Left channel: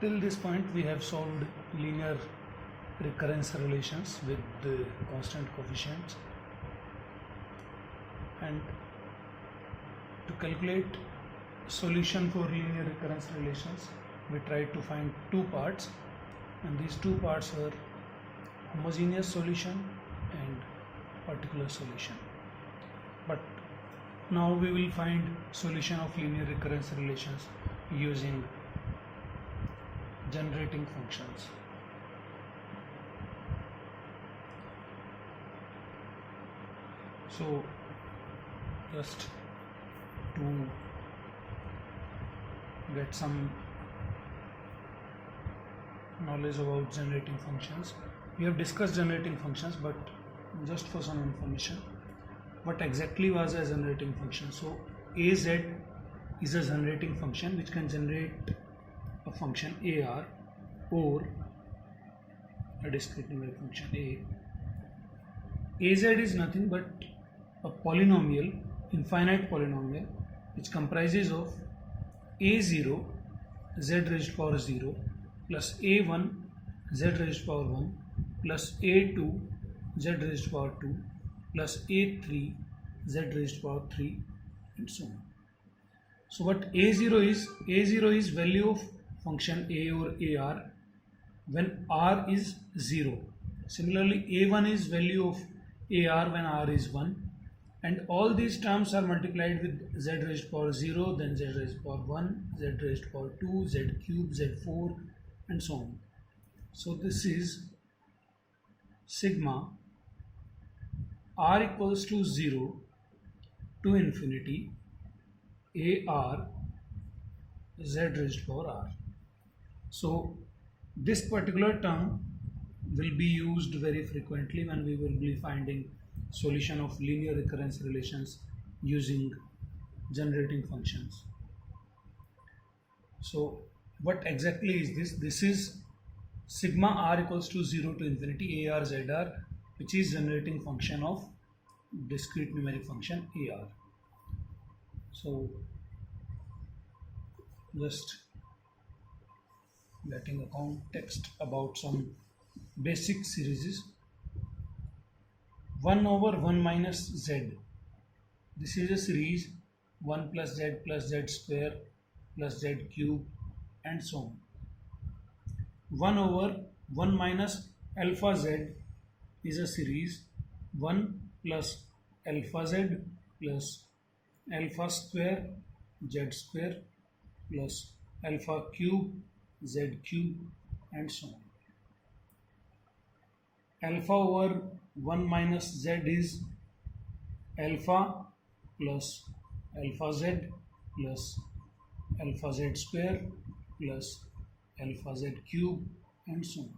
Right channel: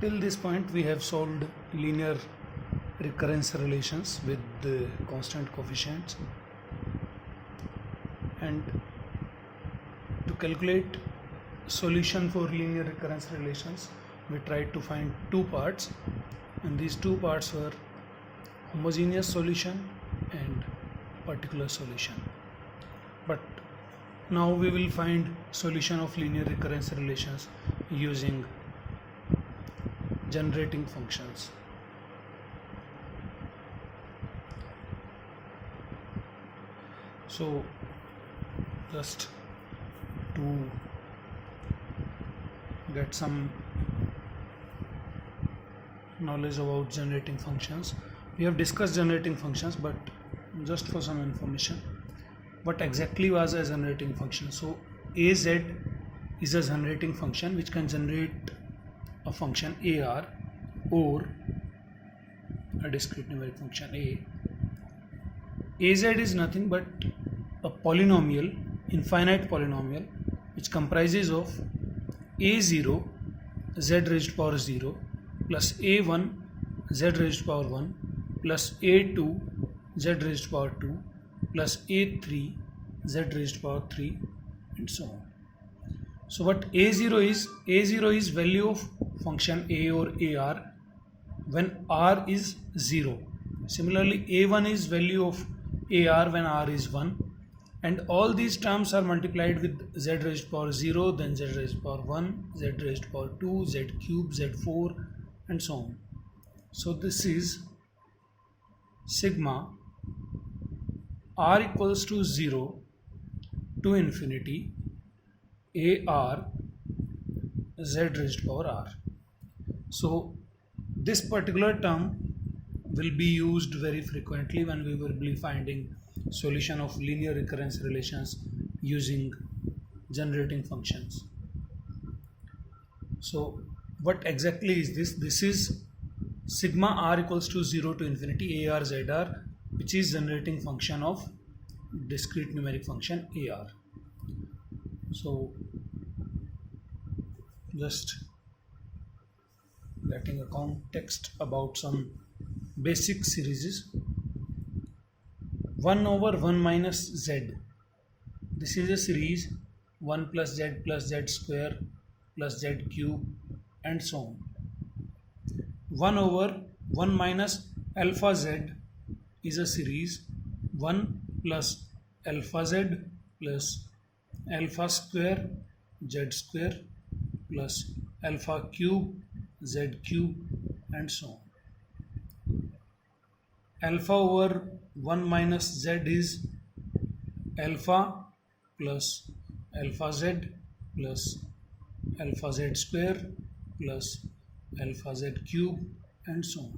Till this point we have solved linear recurrence relations with the constant coefficients, and to calculate solution for linear recurrence relations we tried to find two parts, and these two parts were homogeneous solution and particular solution. But now we will find solution of linear recurrence relations using generating functions. So just to get some knowledge about generating functions, we have discussed generating functions, but just for some information, what exactly was a generating function? So AZ is a generating function which can generate a function AR or a discrete numeric function A. AZ is nothing but a polynomial, infinite polynomial, which comprises of A0 z raised to power 0 plus A1 z raised to power 1 plus A2 z raised to power 2 plus A3 z raised to power 3 and so on. So what A0 is value of function A or AR when R is 0. Similarly A1 is value of AR when R is 1, and all these terms are multiplied with z raised to power 0, then z raised to power 1, z raised to power 2, z cube, z4 and so on. So this is sigma R equals to 0 to infinity AR z raised to power R. So this particular term will be used very frequently when we will be finding solution of linear recurrence relations using generating functions. So what exactly is this? This is sigma R equals to 0 to infinity AR ZR, which is generating function of discrete numeric function AR. So just getting a context about some basic series. 1 over 1 minus z. This is a series 1 plus z square plus z cube and so on. 1 over 1 minus alpha z is a series 1 plus alpha z plus alpha square z square plus alpha cube z cube and so on. Alpha over 1 minus z is alpha plus alpha z plus alpha z square plus alpha z cube and so on.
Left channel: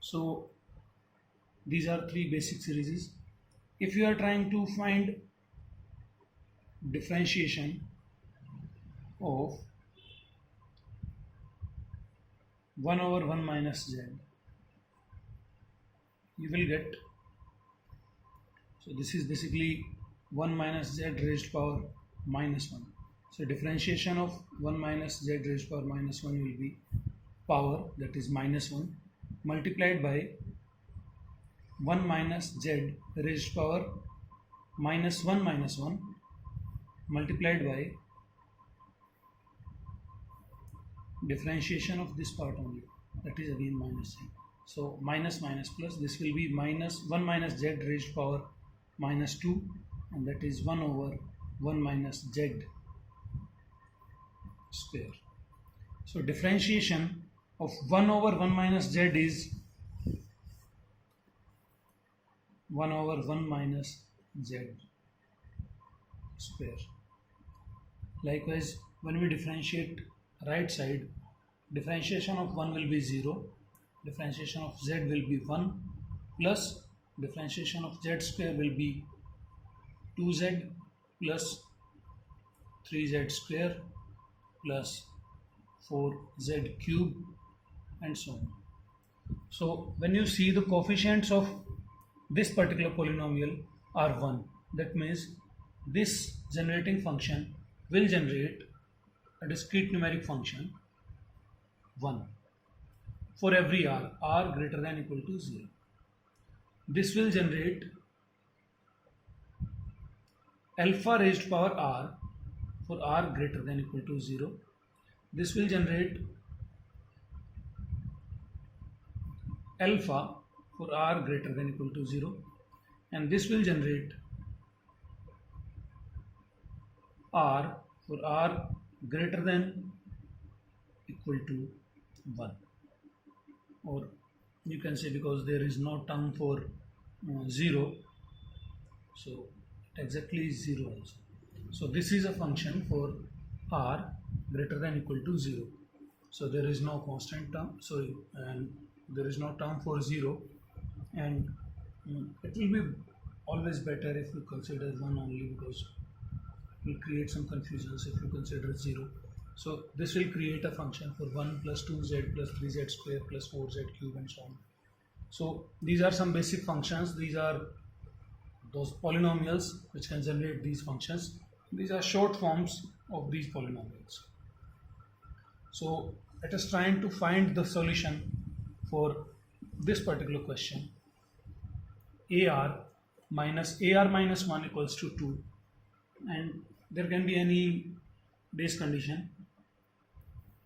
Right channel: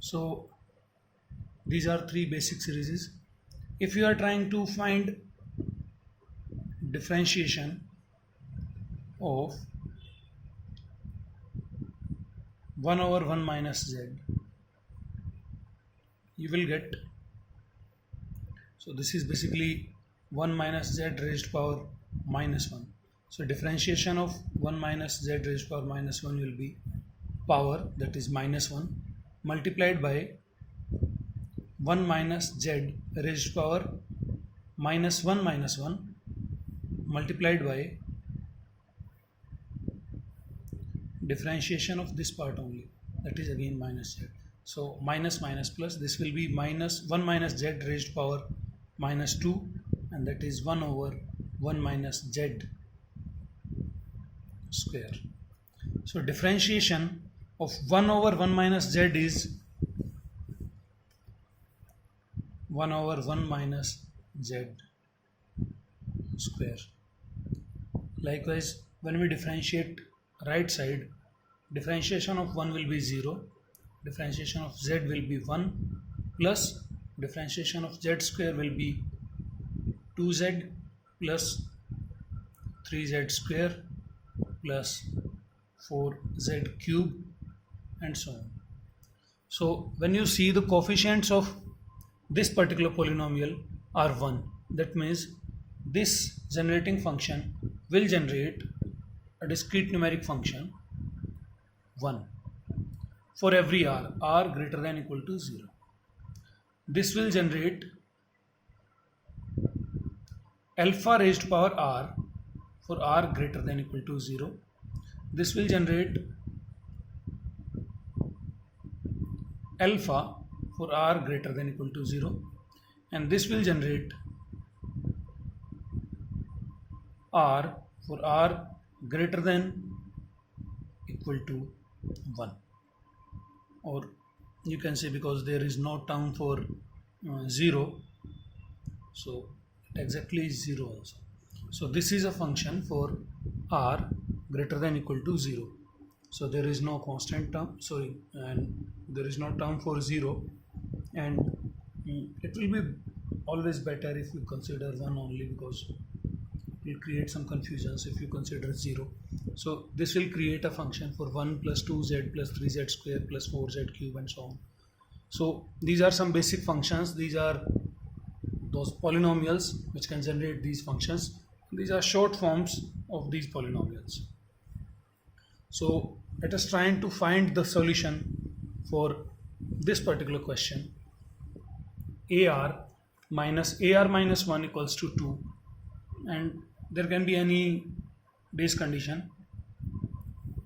So these are three basic series. If you are trying to find differentiation of 1 over 1 minus z, you will get, so this is basically 1 minus z raised to power minus 1. So differentiation of 1 minus z raised to power minus 1 will be power, that is minus 1, multiplied by 1 minus z raised to power minus 1 multiplied by differentiation of this part only, that is again minus z. So minus minus plus, this will be minus 1 minus z raised to power minus 2, and that is 1 over 1 minus z square. So differentiation of 1 over 1 minus z is 1 over 1 minus z square. Likewise, when we differentiate right side, differentiation of 1 will be 0, differentiation of z will be 1, plus differentiation of z square will be 2z plus 3z square plus 4z cube and so on. So when you see the coefficients of this particular polynomial are 1, that means this generating function will generate a discrete numeric function 1 for every r greater than equal to 0. This will generate alpha raised to power r for r greater than equal to 0. This will generate alpha for r greater than equal to 0, and this will generate r for r greater than equal to 1, or you can say, because there is no term for 0, so it exactly is 0 also. So this is a function for r greater than equal to 0. So there is no constant term, and there is no term for 0, and it will be always better if we consider 1 only, because it will create some confusions if you consider 0. So this will create a function for 1 plus 2z plus 3z square plus 4z cube and so on. So these are some basic functions. These are those polynomials which can generate these functions. These are short forms of these polynomials. So let us try to find the solution for this particular question. ar minus 1 equals to 2, and there can be any base condition.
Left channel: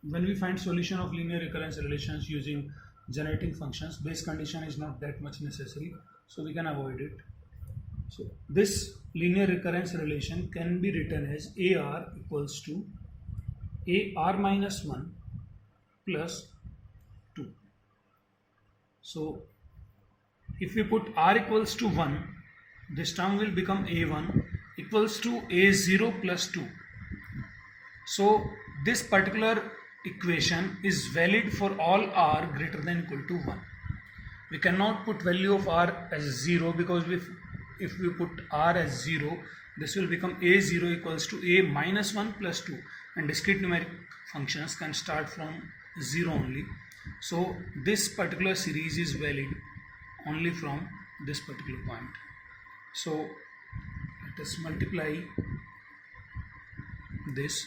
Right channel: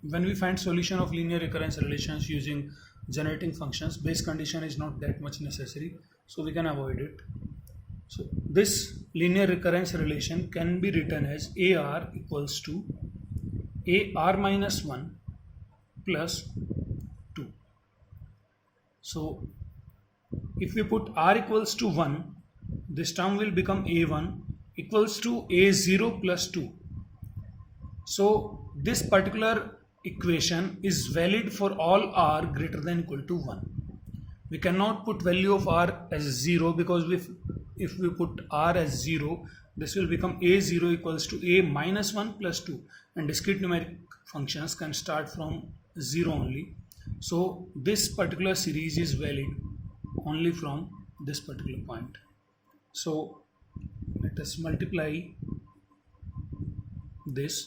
When we find solution of linear recurrence relations using generating functions, base condition is not that much necessary, so we can avoid it. So this linear recurrence relation can be written as ar equals to ar minus 1 plus 2. So if we put r equals to 1, this term will become a1 equals to a0 plus 2. So this particular equation is valid for all r greater than equal to 1. We cannot put value of r as 0, because if we put r as 0, this will become a0 equals to a minus 1 plus 2, and discrete numeric functions can start from 0 only. So this particular series is valid only from this particular point. So let us multiply this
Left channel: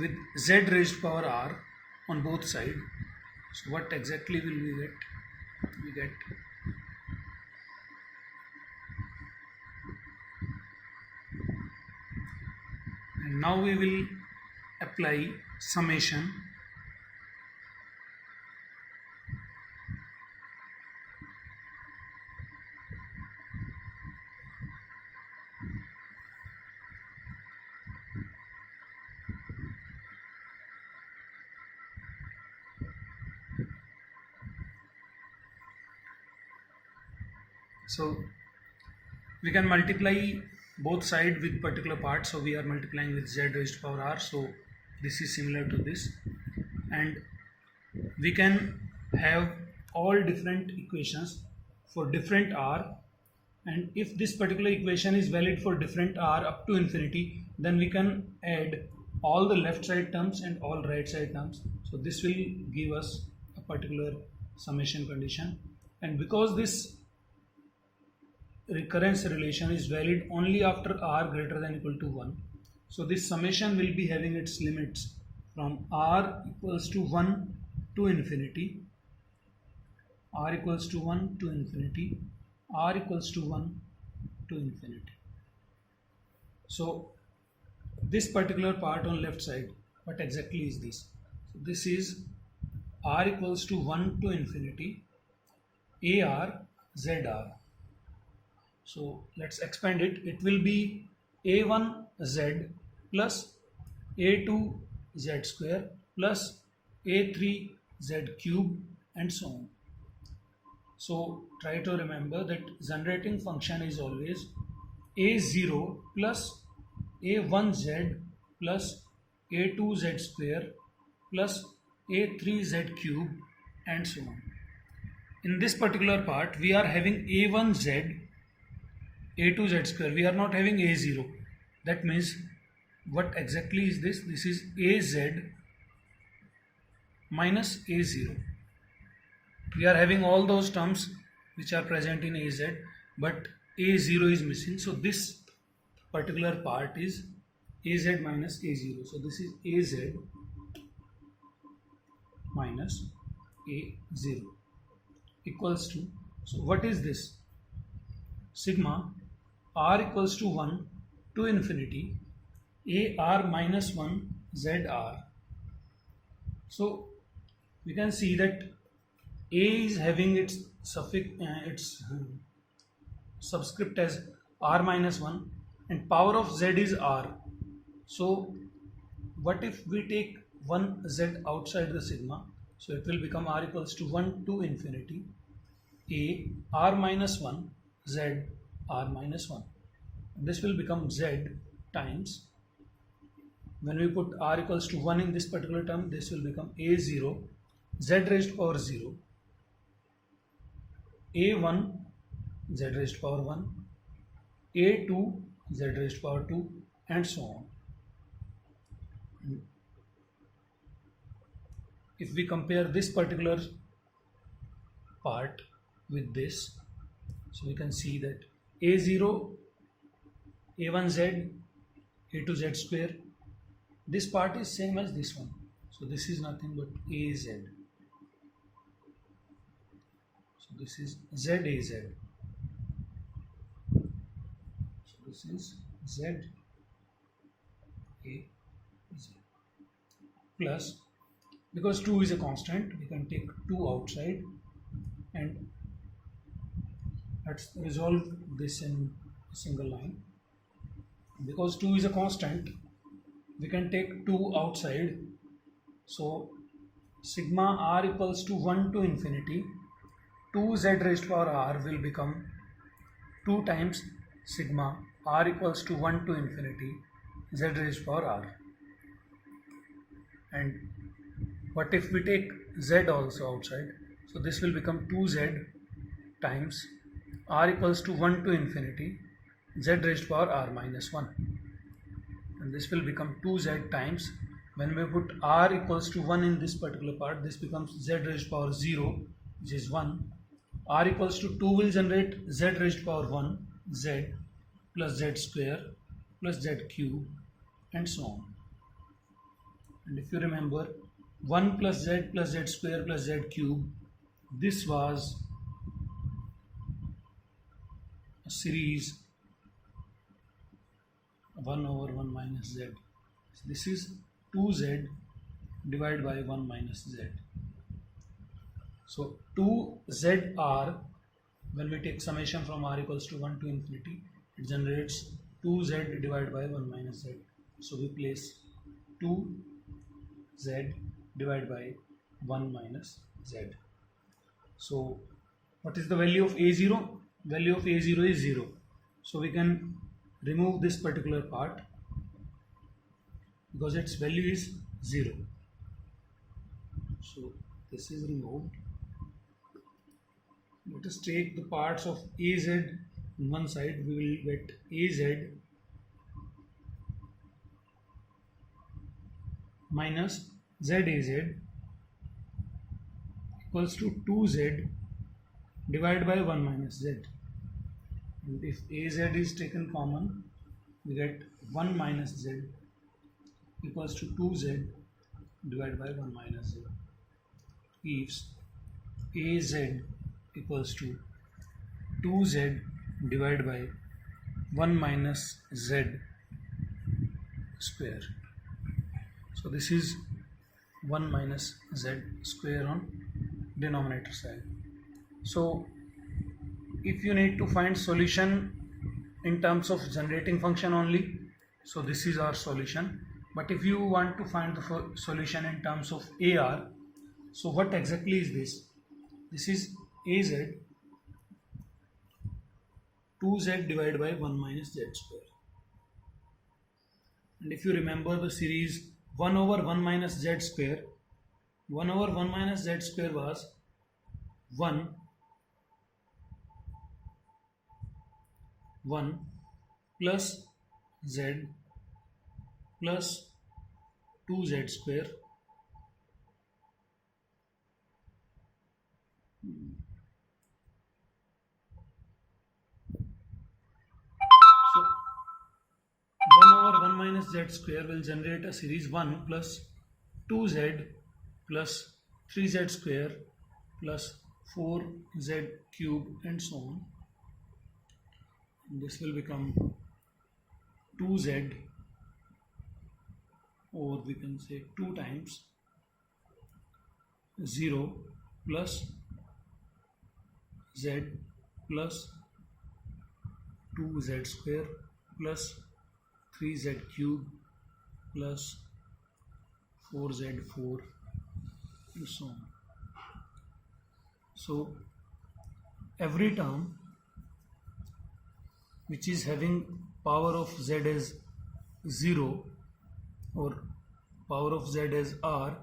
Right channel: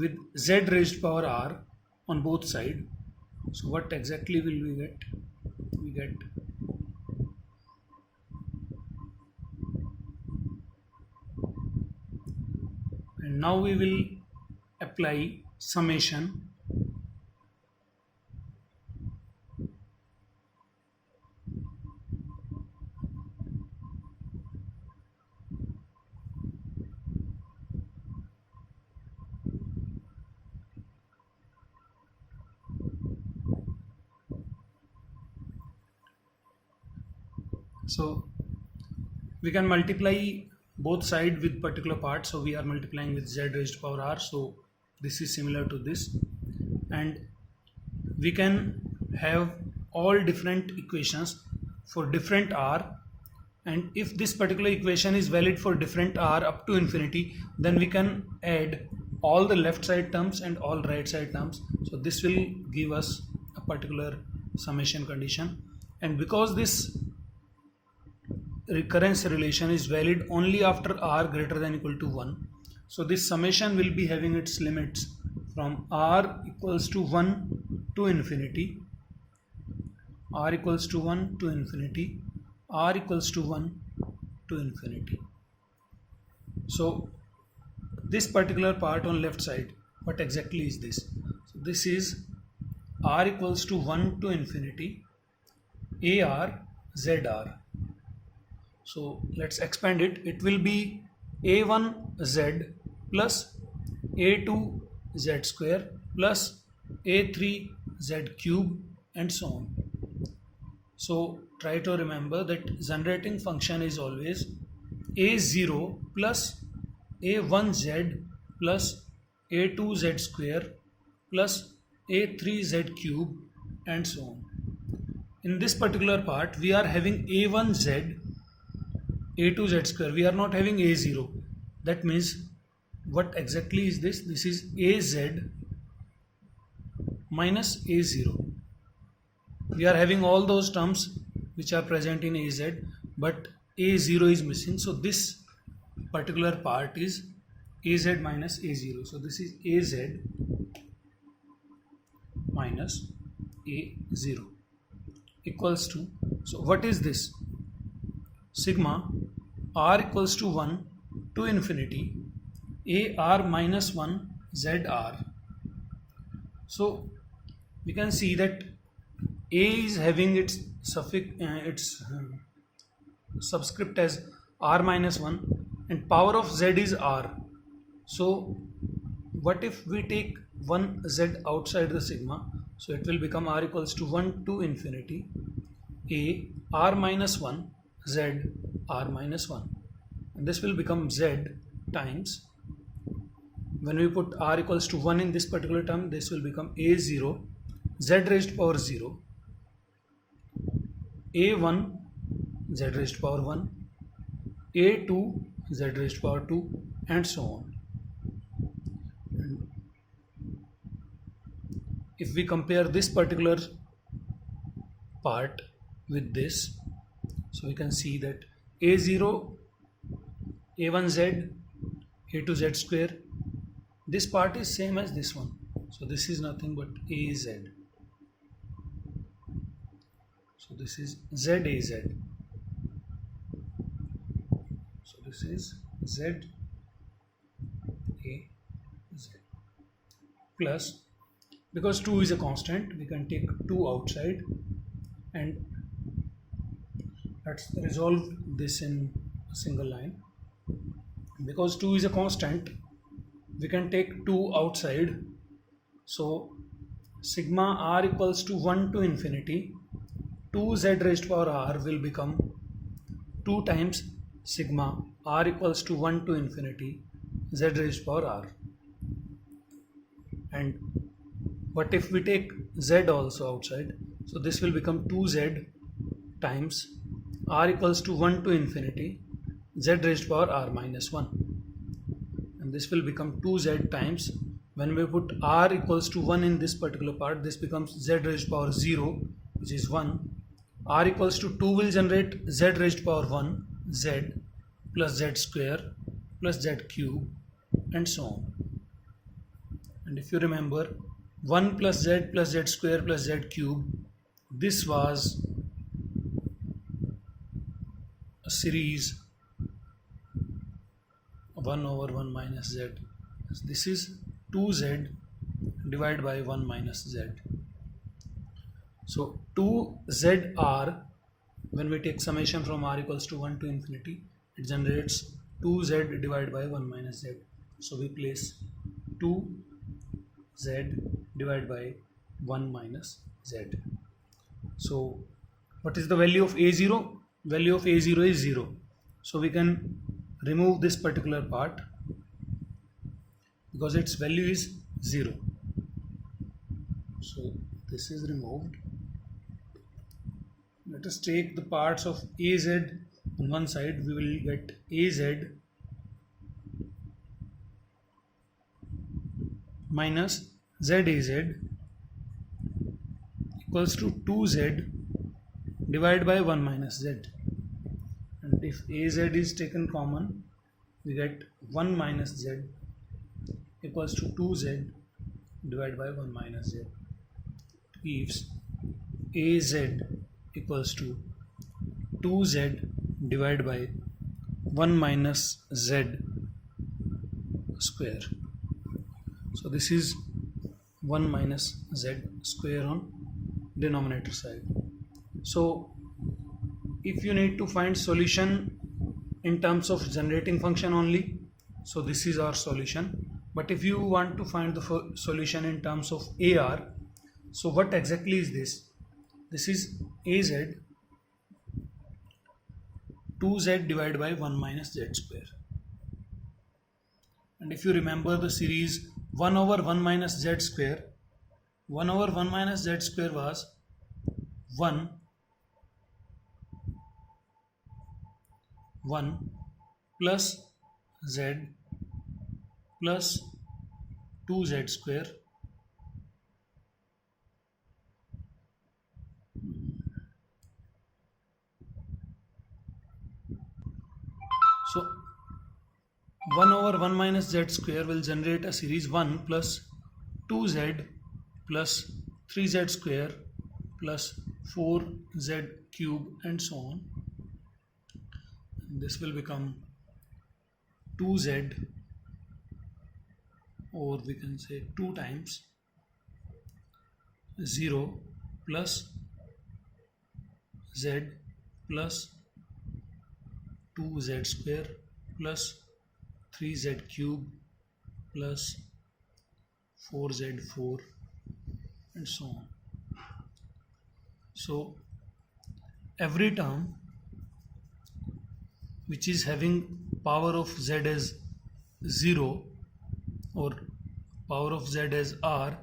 with z raised to power r on both sides. So what exactly will we get? We get and now we will apply summation . So we can multiply both sides with particular part. So we are multiplying with z raised to power r. So this is similar to this, and we can have all different equations for different r, and if this particular equation is valid for different r up to infinity, then we can add all the left side terms and all right side terms. So this will give us a particular summation condition, and because this recurrence relation is valid only after r greater than equal to 1, so this summation will be having its limits from r equals to 1 to infinity, r equals to 1 to infinity, r equals to 1 to infinity. So this particular part on left side, what exactly is this? So this is r equals to 1 to infinity ar zr. So let's expand it. It will be a1z plus a2z square plus a3z cube and so on. So try to remember that generating function is always a0 plus a1z plus a2z square plus a3z cube and so on. In this particular part, we are having a1z a2z square, we are not having a0. That means what exactly is this? This is az minus a0. We are having all those terms which are present in az, but a0 is missing. So this particular part is az minus a0. So this is az minus a0 equals to, so what is this? Sigma r equals to 1 to infinity a r minus 1 z r. So we can see that a is having its subscript as r minus 1 and power of z is r. So what if we take one z outside the sigma? So it will become r equals to 1 to infinity a r minus 1 z r minus 1, and this will become z times, when we put r equals to 1 in this particular term, this will become a0 z raised to power 0, a1 z raised to power 1, a2 z raised to power 2, and so on. And if we compare this particular part with this, so we can see that a0 a1z a2z square, this part is same as this one, so this is nothing but az. So this is zaz, so this is zaz plus, because 2 is a constant, we can take 2 outside, and let's resolve this in a single line. Because 2 is a constant, we can take 2 outside, so sigma r equals to 1 to infinity 2z raised to power r will become 2 times sigma r equals to 1 to infinity z raised to power r. And what if we take z also outside? So this will become 2z times r equals to 1 to infinity z raised to power r minus 1, and this will become 2z times, when we put r equals to 1 in this particular part, this becomes z raised to power 0, which is 1. R equals to 2 will generate z raised to power 1 z plus z square plus z cube, and so on. And if you remember, 1 plus z square plus z cube, this was a series 1 over 1 minus z. This is 2z divided by 1 minus z. So 2zr, when we take summation from r equals to 1 to infinity, it generates 2z divided by 1 minus z. So we place 2z divided by 1 minus z. So what is the value of a0? Value of a0 is 0. So we can remove this particular part because its value is 0. So this is removed. Let us take the parts of az on one side. We will get az minus zaz equals to 2z divided by 1 minus z. And if az is taken common, we get 1 minus z equals to 2z divided by 1 minus z. Gives az equals to 2z divided by 1 minus z square. So this is 1 minus z square on denominator side. So if you need to find solution in terms of generating function only, so this is our solution. But if you want to find the solution in terms of AR, so what exactly is this? This is AZ 2z divided by 1 minus z square. And if you remember the series 1 over 1 minus z square, 1 over 1 minus z square was 1 plus z plus 2z square so 1 over 1 minus z square will generate a series 1 plus 2z plus 3z square plus 4z cube and so on. This will become 2z, or we can say 2 times 0 plus z plus 2z square plus 3z cube plus 4z4 and so on. So every term which is having power of z as 0 or power of z as r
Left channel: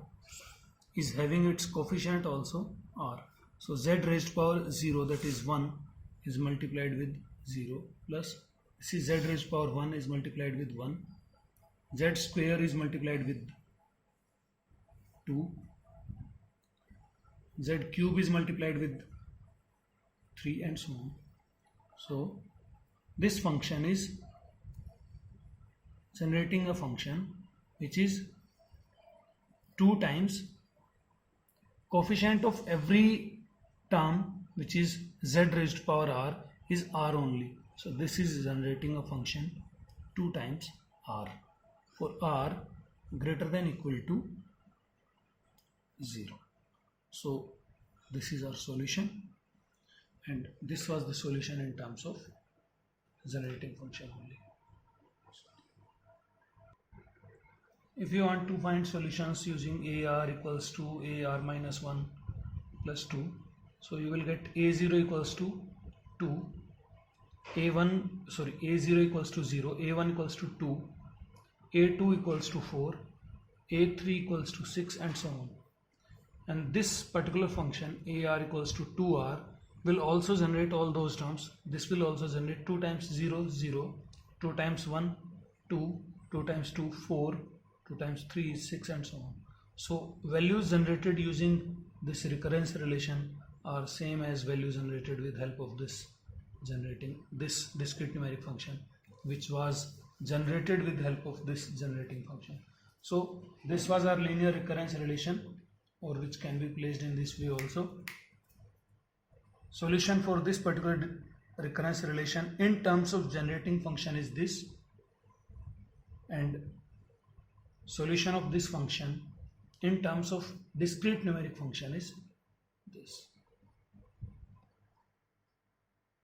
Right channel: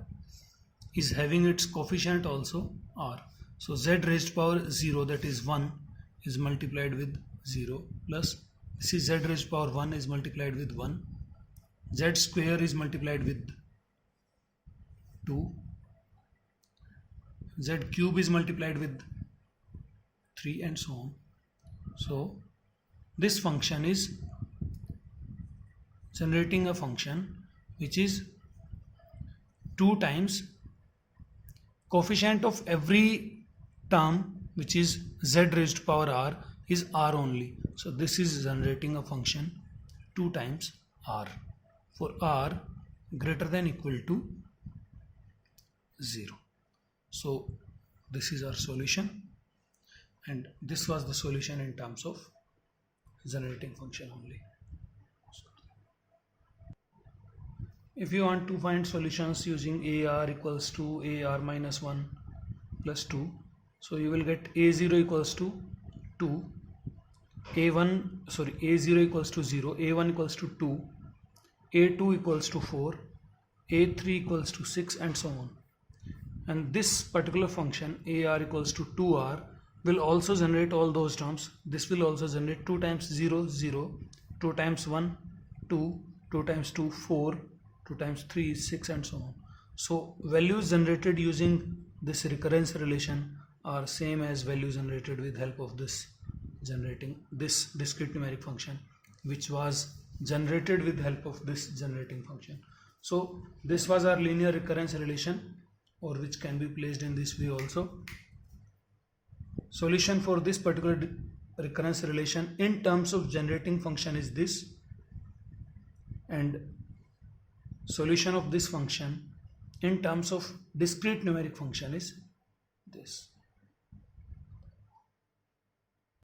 is having its coefficient also r. So z raised power 0, that is 1, is multiplied with 0, plus this is z raised power 1 is multiplied with 1, z square is multiplied with 2, z cube is multiplied with 3 and so on. So this function is generating a function which is 2 times coefficient of every term which is z raised power r is r only. So this is generating a function 2 times r for r greater than equal to 0. So this is our solution, and this was the solution in terms of generating function only. If you want to find solutions using AR equals to AR minus 1 plus 2, so you will get A0 equals to 2, A0 equals to 0, A1 equals to 2, A2 equals to 4, A3 equals to 6 and so on. And this particular function AR equals to 2R will also generate all those terms. This will also generate 2 times 0, 0, 2 times 1, 2, 2 times 2, 4, 2 times 3, 6 and so on. So values generated using this recurrence relation are same as values generated with help of this discrete numeric function, which was generated with help of this generating function. So this was our linear recurrence relation, or which can be placed in this way also. Solution for this particular recurrence relation in terms of generating function is this, and solution of this function in terms of discrete numeric function is this.